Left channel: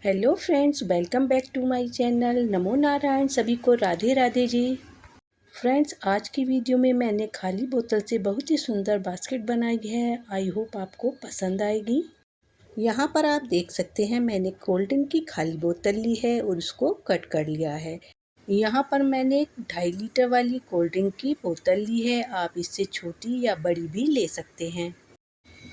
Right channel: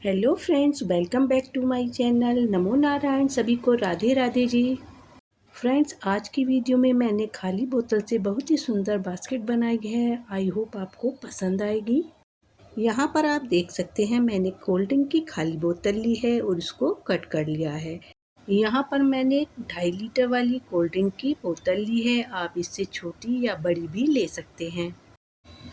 Hello friends, welcome back to my channel. नमो नारायण, सभी को राधे राधे जी। फ्रेंड्स, आज की वीडियो में मैंने खाली बोतल से बहुत ही सुंदर बास्केट बनाई है। आई होप आपको पसंद आएगी। यहाँ पर आप देख सकते हैं, मैंने कोल्ड ड्रिंक की खाली बोतल ली है और उसको कट कर लिया है। यहाँ पर मैंने 2.5 लीटर वाली कोल्ड ड्रिंक की बोतल ली है। आप इससे छोटी या बड़ी भी ले सकते हैं।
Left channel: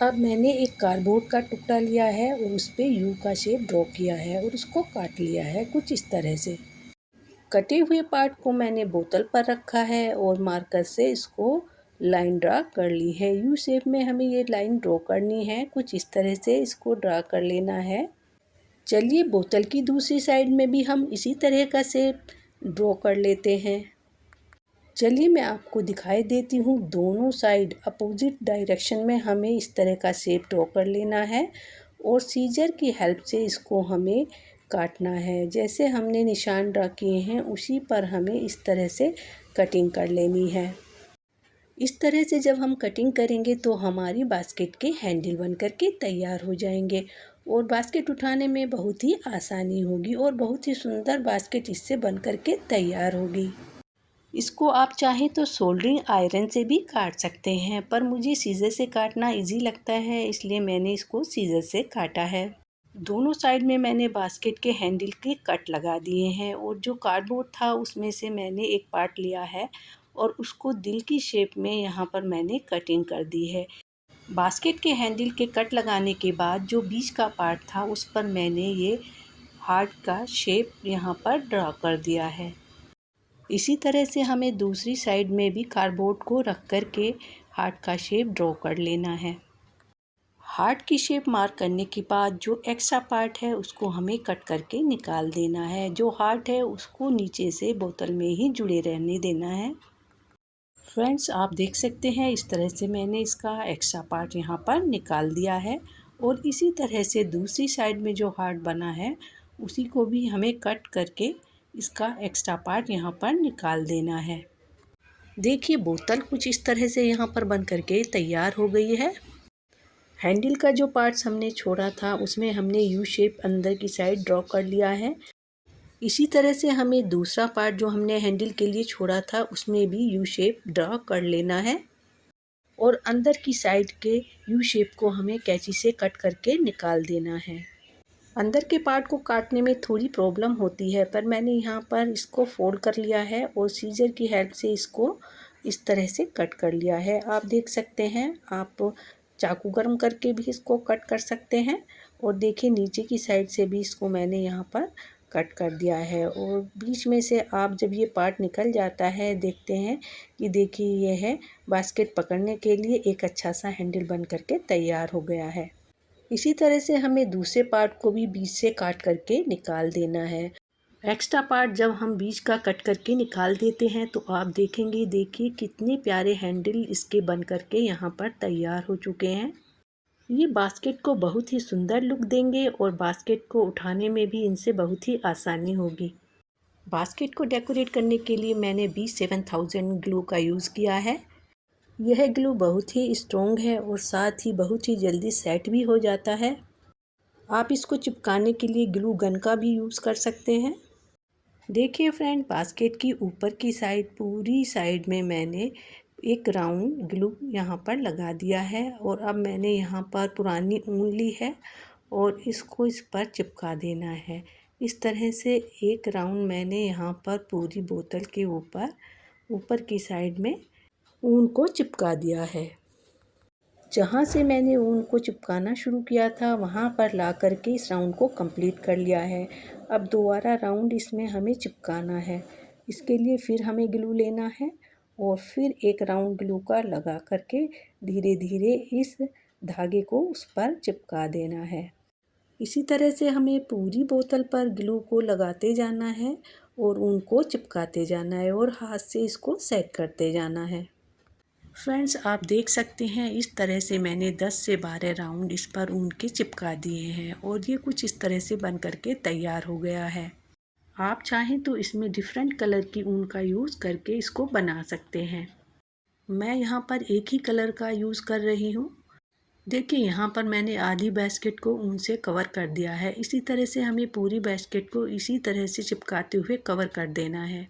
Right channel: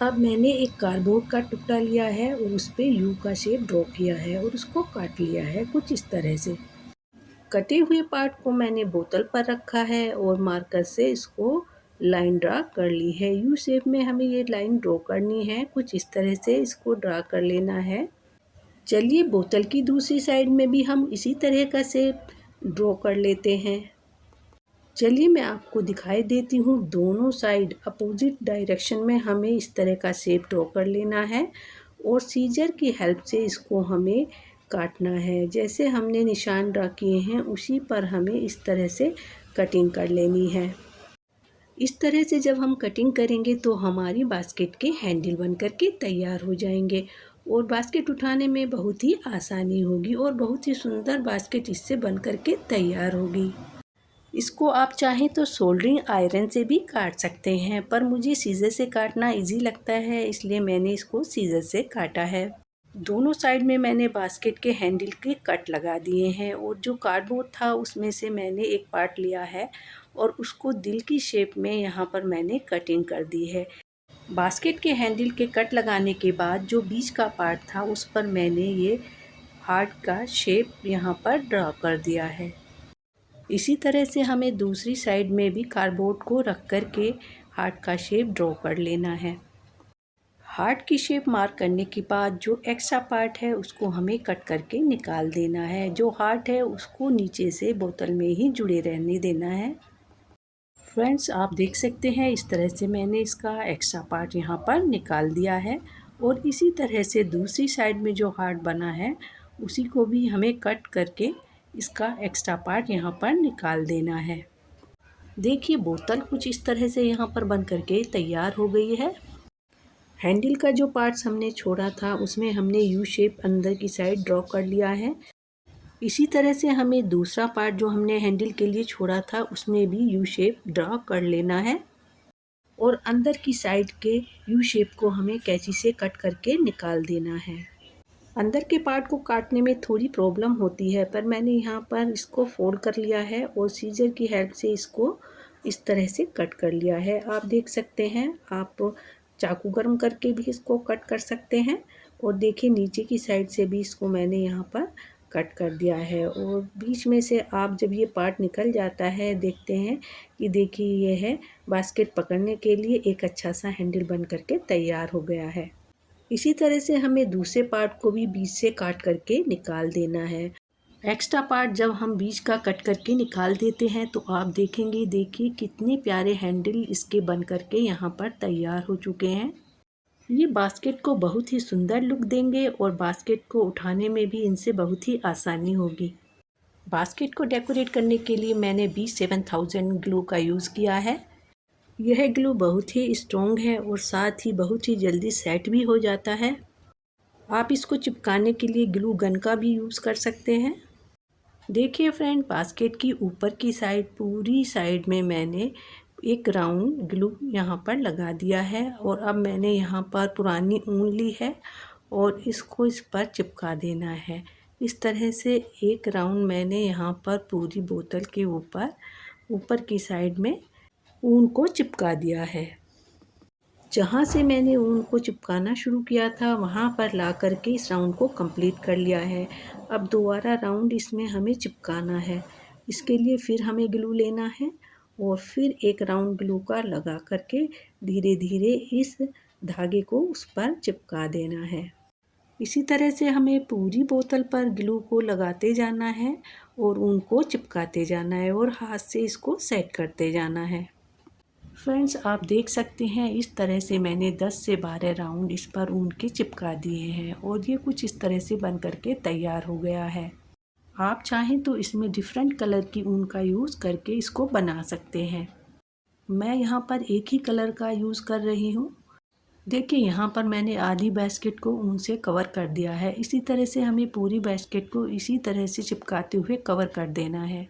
अब मैंने एक कार्डबोर्ड का टुकड़ा लिया है और उस पे यू का शेप ड्रॉ किया है और उसको काट लिया है कुछ इस तरह से। कटे हुए पार्ट को मैंने बोतल पर रखा है और मार्कर से इसको लाइन ड्रा कर ली है। यू शेप में हमें ये लाइन ड्रॉ करनी है, कुछ इस तरह से इसको ड्रा कर लेना है। चलिए बोतल की दूसरी साइड में भी हम इसी तरह का शेप ड्रॉ कर लेते हैं। चलिए मैं आपको दिखाई देती हूँ। दोनों साइड अपोजिट डायरेक्शन में हमें इस तरह का शेप ड्रॉ कर लेना है और सीजर की हेल्प से इसको हमें काटना है। जैसे हमने निशान ड्रा किए हैं उसी पर हमें इस तरह से कटिंग कर लेनी है। इस तरह से जब हम कटिंग करेंगे तो हमारी बास्केट के हैंडल बन कर के तैयार हो जाएंगे और बास्केट उठाने में बहुत ही आसानी होगी और बहुत ही सुंदर बास्केट इससे बन कर के तैयार होगी। इसको आप चाहें तो सोल्डरिंग आयरन से भी काट सकते हैं, पर मुझे सीज़र से काटना इजी लगता है, इसलिए मैंने इसको सीज़र से काटा है। दोनों साइड में मैंने बास्केट के हैंडल के कट लगा दिए हैं और जो कार्डबोर्ड था उसमें से मैंने एक पार्ट लिया है और उसको दिल की शेप में यहाँ पर मैंने कटिंग कर दी है। बास्केट के हैंडल के कट लगाने के बाद जो बीच का पार्ट था उस पर मैंने ये हार्ट का शेप यहाँ पर ड्रा कर दिया है। इसी तरह से हमें दूसरी साइड में भी कार्डबोर्ड को रख कर के हार्ट का शेप ड्रॉ कर लेना है। हार्ट की शेप मार्क करने के बाद जो एक्स्ट्रा पार्ट है उसको हमें कट करके निकाल देना है। जो हार्ट है उसको नीचे से बोतल में ही जुड़े रहने देना है। फ्रेंड्स, आप देख सकते हैं इस तरह से मैंने इसका एक्स्ट्रा पार्ट यहाँ पर निकाल दिया है और इसी तरह से दूसरी साइड में जो हार्ट बना है उसी को भी हमें कट करके इसका एक्स्ट्रा पार्ट यहाँ पर निकाल देना है। देखिए बोतल कुछ इस तरह से यहाँ पर बन करके तैयार हो गई है। हैंडल का जो पार्ट्स हमने छोड़ा था उसमें हमने यू शेप अंदर की साइड ड्रॉ कर लिया है। इसी तरह से हमें दूसरा पार्ट जो हमने हैंडल के लिए छोड़ा था उसमें भी यू शेप ड्रॉ कर लेना है और अंदर की साइड के यू शेप को हमें कैंची से कट करके निकाल देना है। अंदर के पार्ट को काटने में थोड़ी प्रॉब्लम होती है, पर मैंने यहाँ पर इसको फोल्ड कर लिया है और सीजर की हेल्प से इसको इस तरह से कट कर लिया है। आप देख सकते हैं, आप चाकू गर्म करके भी इसको कट कर सकते हैं और देखिए नीचे की साइड से भी इसको मैंने यहाँ पर कट कर दिया है और बीच में से आप जब ये पार्ट निकल जाता है देखते हैं कि देखिए ये है बास्केट पकड़ने के लिए एक अच्छा सा हैंडल बन करके तैयार हो गया है। इसी तरह से हमें दूसरे पार्ट को भी बीच से काट करके निकाल देना है। एक्स्ट्रा पार्ट जब हम बीच का कट करके निकाल देते हैं तो आप देखेंगे, देखिए कितने प्यारे हैंडल इसके बन करके यहाँ पर तैयार हो चुके हैं। ये बास्केट को बहुत ही सुंदर लुक देंगे और बास्केट को उठाने में भी इनसे बहुत ही आसानी होगी। बास्केट को डेकोरेट करने के लिए मैंने B7000 ग्लू का यूज़ किया है। यह ग्लू बहुत ही स्ट्रॉन्ग है और साथ ही बहुत ही जल्दी सेट भी हो जाता है। आप इसको चिपकाने के लिए ग्लू गन का भी यूज़ कर सकते हैं। देखिए फ्रेंड, बास्केट की ऊपर की साइड पूरी साइड में मैंने एक राउंड ग्लू यहाँ पर लगा दिया है और अब मैंने यहाँ पर पुरानी ऊन ली है और इसको इस पर चिपका देना है। इस तरह से एक राउंड मैंने यहाँ पर पूरी बोतल के ऊपर की साइड में ऊन को चिपका दिया है। जहाँ से मैंने ऊन को चिपकाना शुरू किया था वहाँ पर ला कर के इस राउंड को कंप्लीट कर लिया है। अब दोबारा राउंड इसमें हमें चिपकाना है। इसके लिए फिर हमें ग्लू लेना है और फिर एक राउंड ग्लू का लगा करके धीरे धीरे इस धागे को उस पर चिपका देना है। इसी तरह से हमें पूरी बोतल पर ग्लू को लगाते जाना है और ऊन को चिपकाते जाना है और हाथ से इसको सेट करते जाना है। फ्रेंड्स, आप देख सकते हैं इस तरह से मैंने 10 से 12 राउंड इस पर ऊन के चिपका दिए हैं और ये कुछ इस तरह से बन करके तैयार हो गया है। आप चाहें तो इसमें डिफरेंट कलर की ऊन का यूज़ करके इसको बना सकते हैं। मैं यहाँ पर एक ही कलर का यूज़ कर रही हूँ। देखिए यहाँ पर मैंने आधी बास्केट को ऊन से कवर कर दिया है। इसी तरह से हमें पूरी बास्केट को इसी तरह से चिपकाते हुए कवर कर देना है।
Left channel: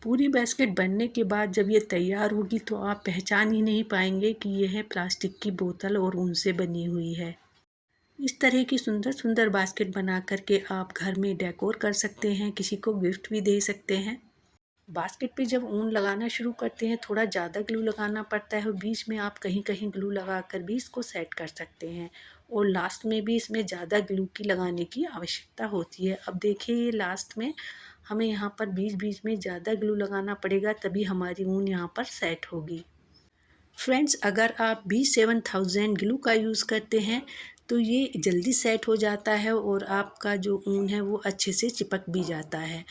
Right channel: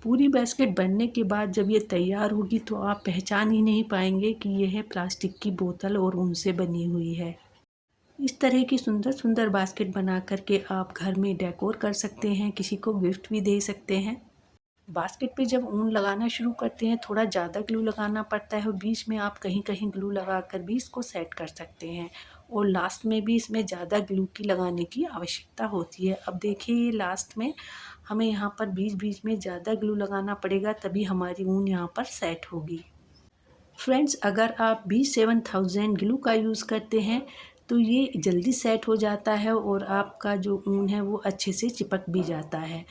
पूरी बास्केट बनने के बाद जब ये तैयार होगी तो आप पहचान ही नहीं पाएंगे कि यह है प्लास्टिक की बोतल और ऊन से बनी हुई है। इस तरह की सुंदर सुंदर बास्केट बना करके आप घर में डेकोर कर सकते हैं, किसी को गिफ्ट भी दे सकते हैं। बास्केट पे जब ऊन लगाना शुरू करते हैं थोड़ा ज़्यादा ग्लू लगाना पड़ता है और बीच में आप कहीं कहीं ग्लू लगा कर भी इसको सेट कर सकते हैं और लास्ट में भी इसमें ज़्यादा ग्लू की लगाने की आवश्यकता होती है। अब देखिए ये लास्ट में हमें यहाँ पर बीच बीच में ज़्यादा ग्लू लगाना पड़ेगा, तभी हमारी ऊन यहाँ पर सेट होगी। फ्रेंड्स, अगर आप B7000 ग्लू का यूज़ करते हैं तो ये जल्दी सेट हो जाता है और आपका जो ऊन है वो अच्छे से चिपक भी जाता है।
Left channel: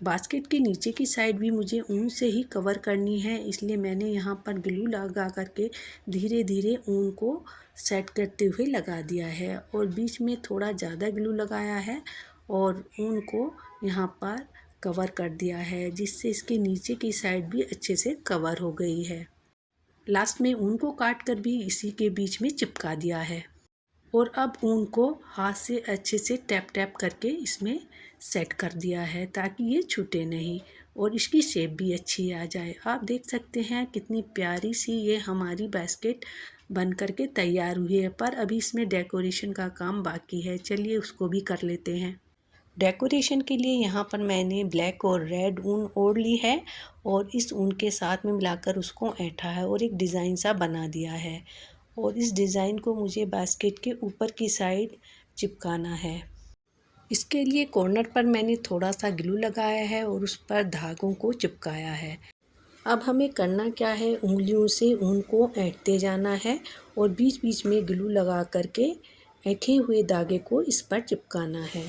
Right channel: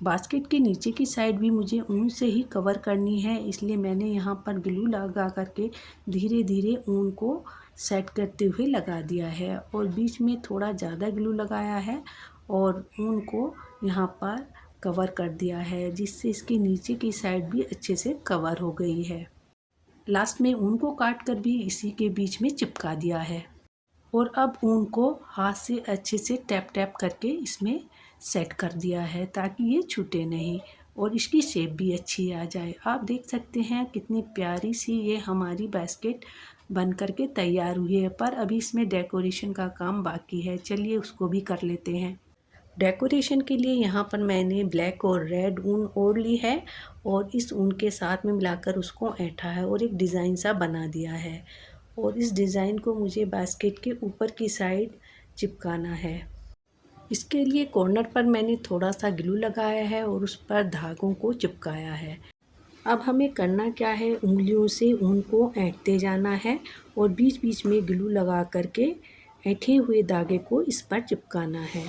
बास्केट के नीचे की साइड भी मुझे ऊन से ही कवर करनी है, इसलिए मैंने यहाँ पर ग्लू लगा करके धीरे धीरे ऊन को सेट करते हुए लगा दिया है और बीच में थोड़ा ज़्यादा ग्लू लगाया है और ऊन को यहाँ पर कवर कर दिया है, जिससे इसके नीचे की साइड भी अच्छे से कवर हो गई है। लास्ट में ऊन को काट कर भी इसी के बीच में चिपका दिया है और अब ऊन को हाथ से अच्छे से टैप टैप करके इसमें सेट कर दिया है ताकि ये छूटे नहीं और इसकी शेप भी अच्छी आ जाए। आप देख सकते हैं कितनी प्यारी सी ये हमारी बास्केट बन करके तैयार हुई है, पर अभी इसमें डेकोरेशन का काम बाकी है। चलिए उसको भी कर लेते हैं। डेकोरेशन के लिए यहाँ पर मैंने ब्लैक और रेड ऊन ओढ़ ली है और इस ऊन के साथ में मिलाकर उसको ऐंठा है और एक डिज़ाइन सा बना दिया है और इस डिज़ाइन को मुझे बास्केट के ऊपर की साइड चिपकाना है। इसके लिए कॉर्नर पर मैंने थोड़ा सा ग्लू लगाया है और उस पर धागों को चिपकाया है। अब हमें करना क्या है, उंगलियों से ऊन को ऐंठते जाना है और बीच बीच में ग्लू लगा करके ऐंठे हुए धागे को इस पर चिपकाना है।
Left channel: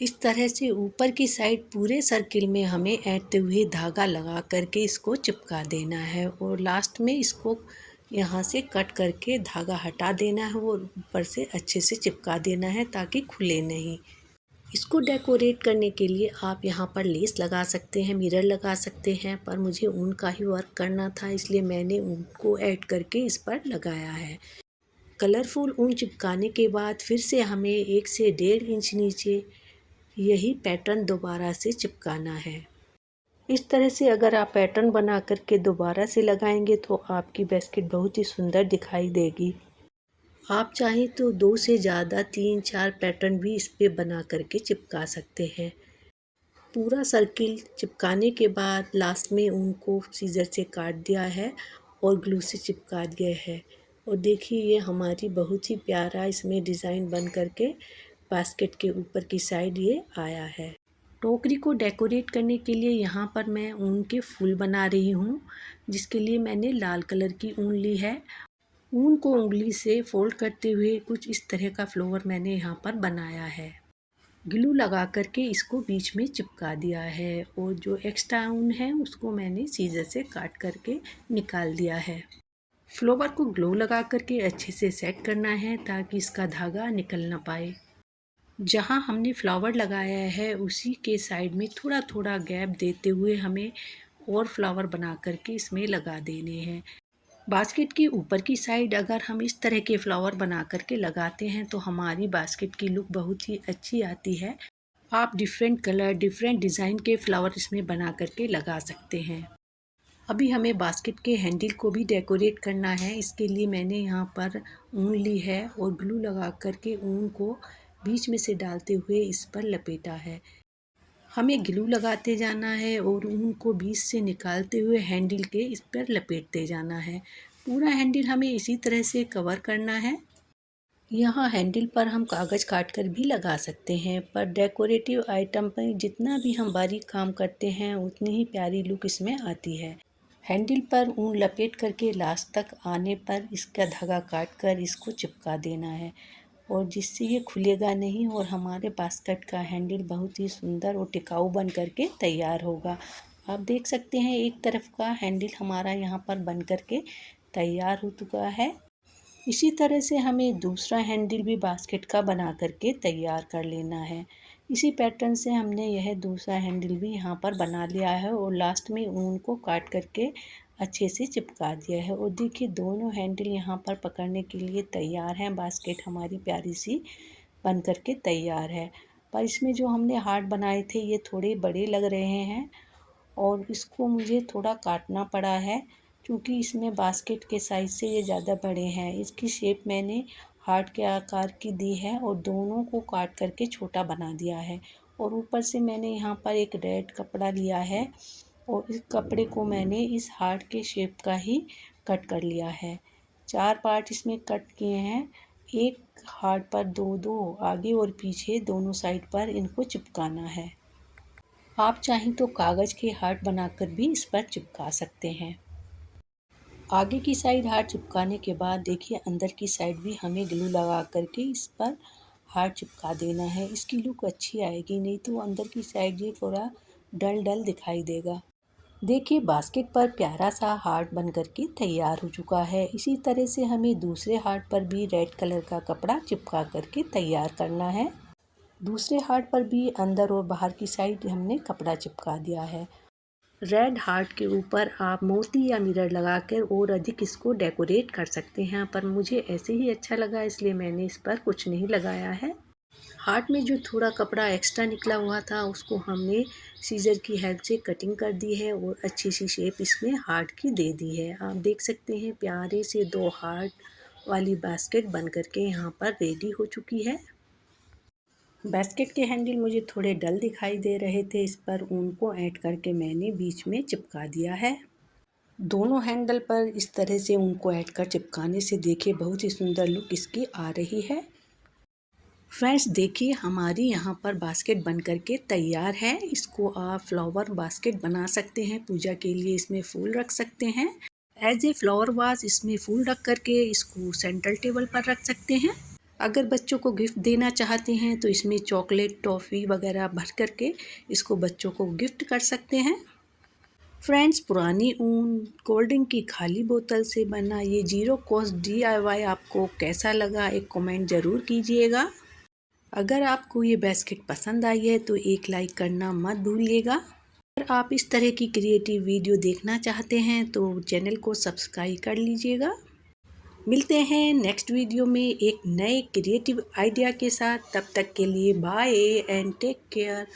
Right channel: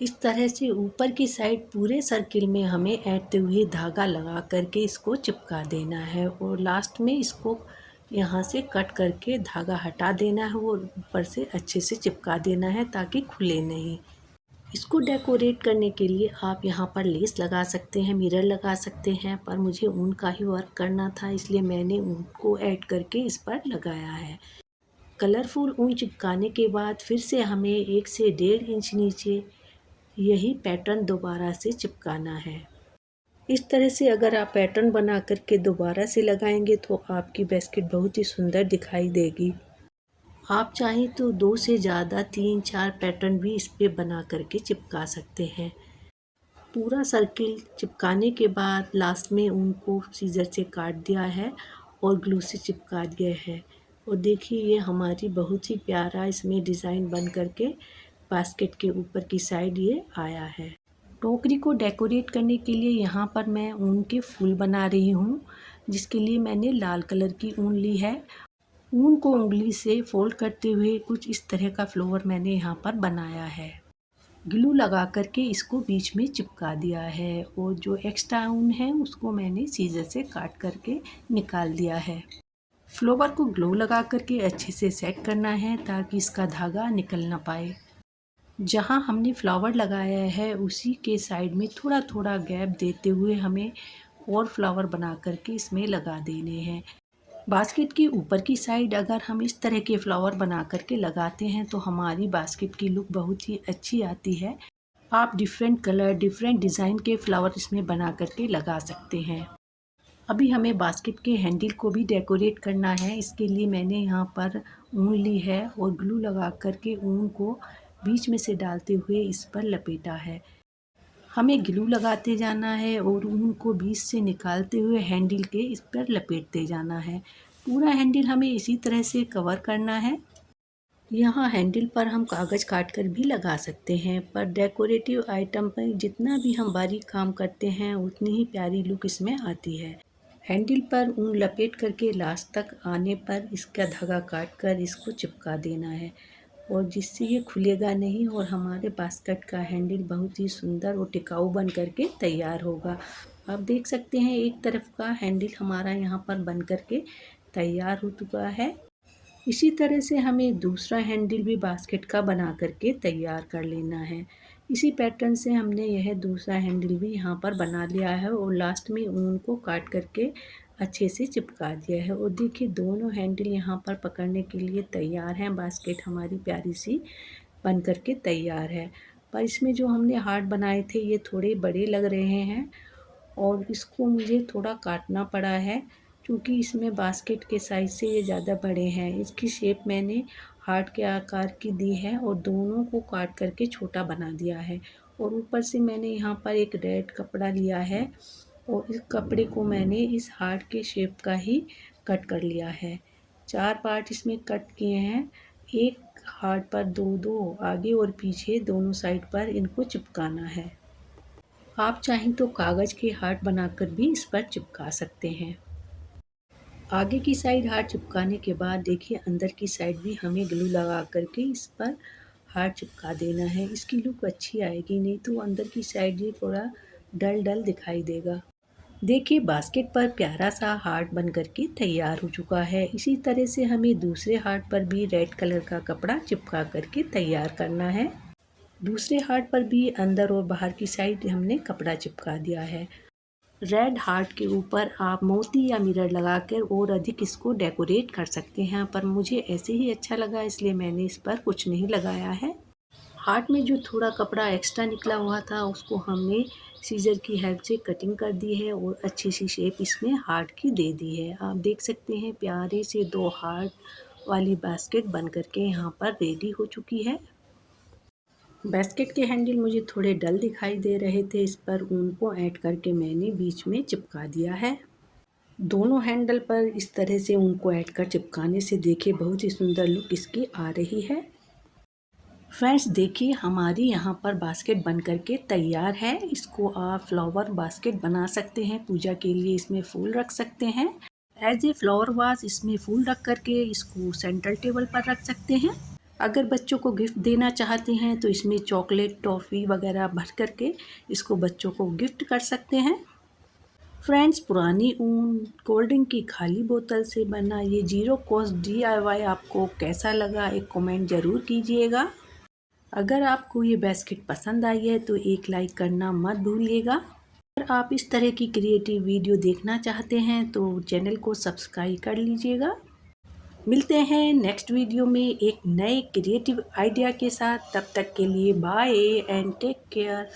इस तरह से ऊपर की साइड पूरे सर्किल में हमें ऐंठते हुए धागा लगा करके इसको चिपका देना है और लास्ट में इसको यहाँ से कट करके धागा हटा देना है और ऊपर से अच्छे से चिपका देना है ताकि खुले नहीं। इसको डेकोरेट करने के लिए आप यहाँ पर लेस लगा सकते हैं, मिरर लगा सकते हैं, पर मुझे ऊन का ही वर्क करना था इसलिए मैंने ऊन को ऐड करके इस पर लगाया है। कलरफुल ऊन चिपकाने के बाद फिर से हमें 1 से 1.5 इंच नीचे यही पैटर्न दोबारा से चिपकाना है। इस तरह से अगर आप पैटर्न बना करके दोबारा से लगाएंगे तो आपकी बास्केट बहुत ही सुंदर दिखाई देगी। आप चाहें तो 2 से ज़्यादा 3-4 पैटर्न भी इस पे बना करके चिपका सकते हैं। पूरा सर्किल चिपकाने के बाद लास्ट में ऊन को सीजर से काट दिया है और ग्लू से चिपका दिया है और देखिए ये हमारी बहुत ही प्यारा इसमें डिज़ाइन बन करके बास्केट के ऊपर की साइड ये आया है। टोकरी को डेकोरेट करने के लिए यहाँ पर मैं ऊन के फूल बना रही हूँ, जिसके लिए मैंने लाल कलर की ऊन ली है। ऊन को उंगली से फोल्ड करते हुए कुछ इस तरह का फ्लावर मैंने यहाँ पर बनाया है। ग्लू लगा करके इसको बीच में चिपका दिया है और जो एक्स्ट्रा ऊन है उसको मैंने सीजर से काट करके निकाल दिया है। फ्लावर को ग्लू लगा करके अच्छे से सेट करना है ताकि इसका धागा निकल ना पाए। जहाँ हमने फ्लावर लगाया है उसी के साइड में थोड़ा थोड़ा गैप देते हुए हमें और फ्लावर बना करके इसमें लगा देने हैं। बास्केट के ऊपर की साइड अगर हम इस तरह के फ्लावर बना करके लगाते हैं तो हमारी बास्केट की लुक बहुत ही अच्छी आती है। आप डिफरेंट कलर डिफरेंट डिज़ाइन के फ्लावर इसमें बना करके लगा सकते हैं। अभी हमें बास्केट के हैंडल को भी डेकोरेट करना है। इसके लिए मैंने यहाँ पर ऊन ली है और ग्लू लगा करके ऊन को बीच में से डालते हुए इस पर लपेटा है। हमें ग्लू लगाते जाना है और ऊन को बीच से निकालते हुए हैंडल के इस पर लपेटते जाना है। पूरा हैंडल हमें इसी तरह से कवर करना है। यहाँ हैंडल पर हम कागज़ काट कर भी लगा सकते हैं, पर डेकोरेटिव आइटम पर जितना भी हम बारीक काम करते हैं उतनी ही प्यारी लुक इसमें आती है। हैंडल पर ऊन लपेट करके लास्ट तक आने पर इसका धागा काट कर इसको चिपका देना है और जिससे ये खुलेगा नहीं और हमारे बास्केट का हैंडल बहुत ही सुंदर और टिकाऊ बन करके तैयार होगा। आप देख सकते हैं एक तरफ का हैंडल हमारा यहाँ पर बन करके तैयार हो चुका है। इसी तरह से हमें दूसरा हैंडल भी बास्केट का बना करके तैयार कर लेना है। इसी पैटर्न से हमने यह दूसरा हैंडल भी यहाँ पर बना लिया है और लास्ट में ऊन को काट करके अच्छे से चिपका दिया है। और देखिए दोनों हैंडल यहाँ पर पकड़ने के लिए तैयार हैं। बास्केट हमारी प्यारी सी बन कर के तैयार है। पर इसमें जो हमने हार्ट बनाए थे ये थोड़े बड़े लग रहे हैं और इसको मुझे थोड़ा काटना पड़ा है, क्योंकि इसमें बास्केट के साइज़ से ये ज़्यादा बड़े हैं। इसकी शेप मैंने हार्ट के आकार की दी है और दोनों को काट करके छोटा बना दिया है। और ऊपर से मैंने यहाँ पर एक रेड कपड़ा लिया है और इस कपड़े को मैंने इस हार्ट के शेप का ही कट कर लिया है। 4 पार्ट इसमें कट किए हैं। एक हार्ट पर दो दो आगे और पीछे दोनों साइड पर इनको चिपकाना है। आप चाहें तो कागज़ के हार्ट बनाकर भी इस पर चिपका सकते हैं। आगे की साइड हार्ट चिपकाने के बाद देखिए अंदर की साइड भी हमें ग्लू लगा करके इस पर हार्ट चिपका देना है। इसकी लुक अच्छी आएगी, नहीं तो अंदर की साइड ये थोड़ा डल डल दिखाई देगा। देखिए बास्केट पर प्यारा सा हार्ट बन करके तैयार हो चुका है। इसी तरह से हमें दूसरे हार्ट पर भी रेड कलर का कपड़ा चिपका करके तैयार करना है। दूसरे हार्ट पर भी अंदर और बाहर की साइड हमने कपड़ा चिपका दिया है। रेड हार्ट के ऊपर आप मोती या मिरर लगाकर और अधिक इसको डेकोरेट कर सकते हैं, पर मुझे ऐसे ही अच्छा लगा इसलिए मैंने इस पर कुछ नहीं लगाया है। हार्ट में जो थोड़ा कपड़ा एक्स्ट्रा निकला हुआ था उसको हमने सीजर की हेल्प से कटिंग कर दी है और अच्छी सी शेप इसमें हार्ट की दे दी है। आप देख सकते हैं प्यारे से 2 हार्ट वाली बास्केट बन करके यहाँ पर रेडी हो चुकी है। बास्केट के हैंडल मुझे थोड़े डल दिखाई दे रहे थे, इस पर ऊन को ऐड करके मैंने बीच में चिपका दिया है। दोनों हैंडल पर इस तरह से ऊन को ऐड कर चिपकाने से देखिए बहुत ही सुंदर लुक इसकी आ रही है। फ्रेंड्स देखिए हमारी यहाँ पर बास्केट बन करके तैयार है। इसको आप फ्लावर बास्केट बना सकते हैं, पूजा के लिए इसमें फूल रख सकते हैं। एज ए फ्लावर वाज इसमें फूल रख करके इसको सेंट्रल टेबल पर रख सकते हैं। अगर बच्चों को गिफ्ट देना चाहते हैं तो इसमें चॉकलेट टॉफ़ी वगैरह भर करके इसको बच्चों को गिफ्ट कर सकते हैं। फ्रेंड्स पुरानी ऊन कोल्ड ड्रिंक की खाली बोतल से बना ये जीरो कॉस्ट DIY आपको कैसा लगा, एक कमेंट ज़रूर कीजिएगा। अगर आपको ये बास्केट पसंद आई है तो एक लाइक करना मत भूलिएगा। अगर आप इस तरह की क्रिएटिव वीडियो देखना चाहते हैं तो चैनल को सब्सक्राइब कर लीजिएगा। मिलते हैं नेक्स्ट वीडियो में एक नए क्रिएटिव आइडिया के साथ। तब तक के लिए बाय एंड टेक केयर।